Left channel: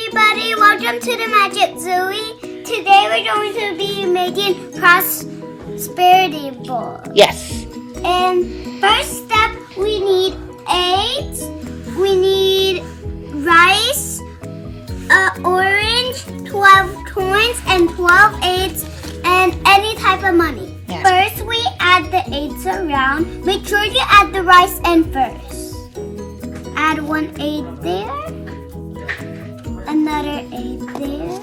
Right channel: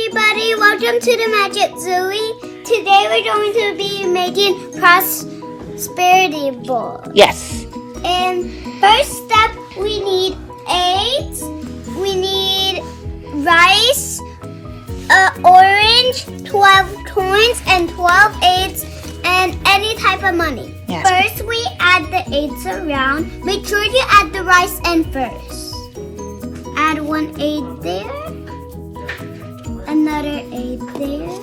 everybody, welcome to the Magic Zoey. Today we're going to be making prosperity ball. Yes. And first step, we need eggs, we need rice, orange, 12 coins, and 12 eggs, and any type of money. Yes. First, we add the eggs around. Make sure you add the rice in first. Add 1 egg there. Another egg there.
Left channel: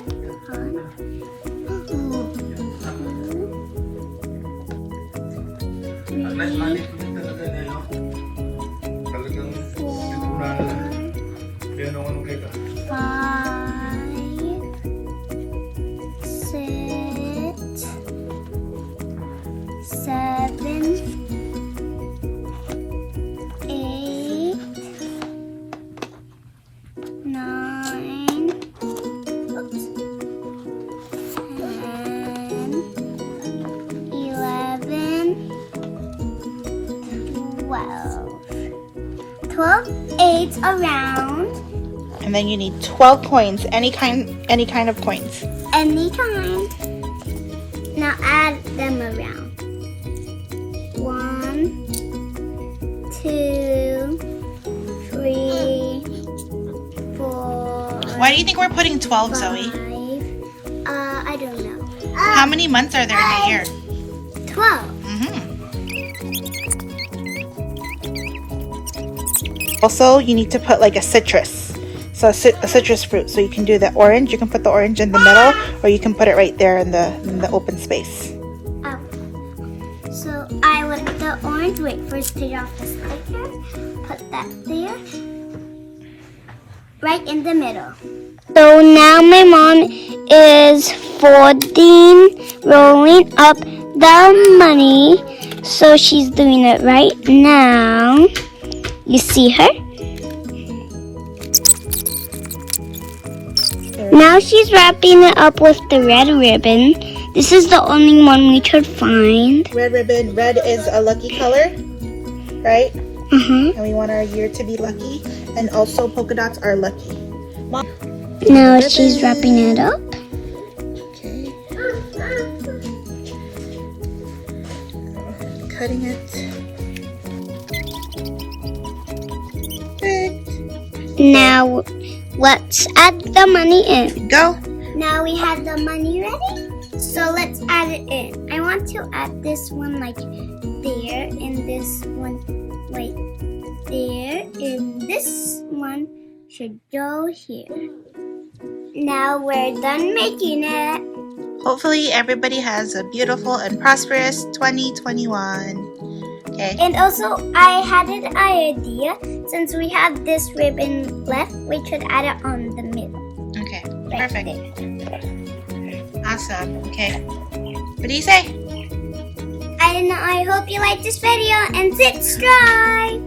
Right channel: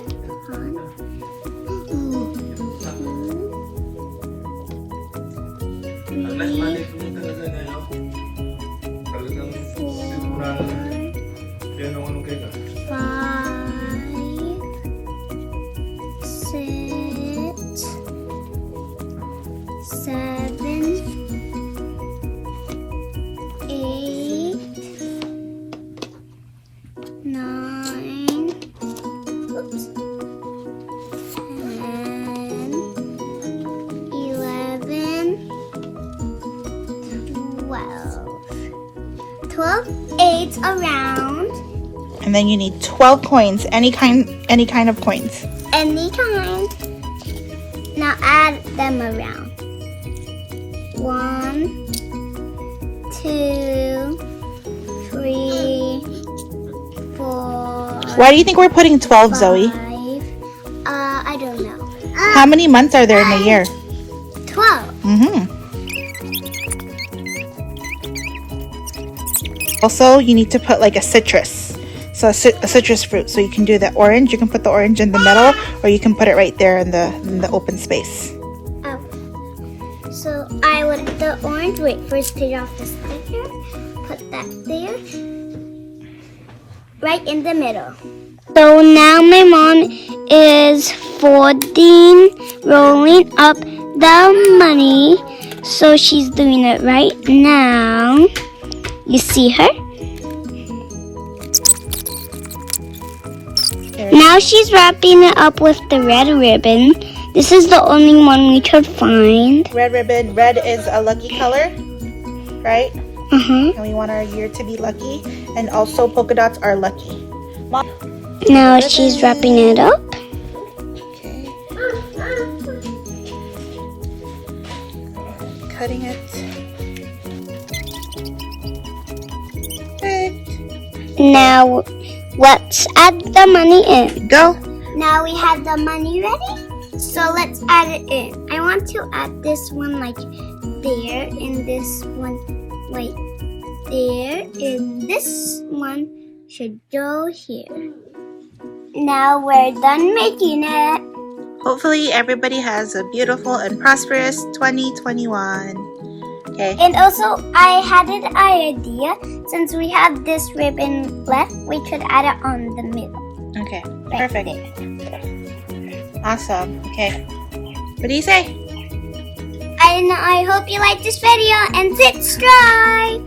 Eggs around. And then you need 12 coins, any kind of coins. Any kind. Now add them around. 1, 2, 3, 4. Why do you think we're putting 12, 5. Zoe? I don't know. How many months are there in the year? 12. Also, you need to put like a citrus. So a citrus fruit. So you can do the orange. You can put the orange in the middle, or you can put it right there in the open space. So I would the orange. Wait, first take off the sticker. Put that there, right in the middle. So now my mom is rolling up the money. So she's doing it right now. You see her? Now she's wrapping it up with the red ribbon. This is the only one we could find. Red ribbon. Red is a lucky color, right? And we want our year to be lucky. And also polka dots are lucky. Now she's wrapping it up. Okay. Cutting it. Now, let's add the money in. Go. Now we have the money ready. So let's add it in. I want to add this one like there, and this one like there, and this one should go here. Now we're done making it. Hopefully everybody has a beautiful and prosperous 2021. Okay. And also, I had an idea. Since we have this ribbon left, we could add it on the middle. Okay. Right Perfect. there. Awesome. Okay. What do you say? I hope you like this video and subscribe.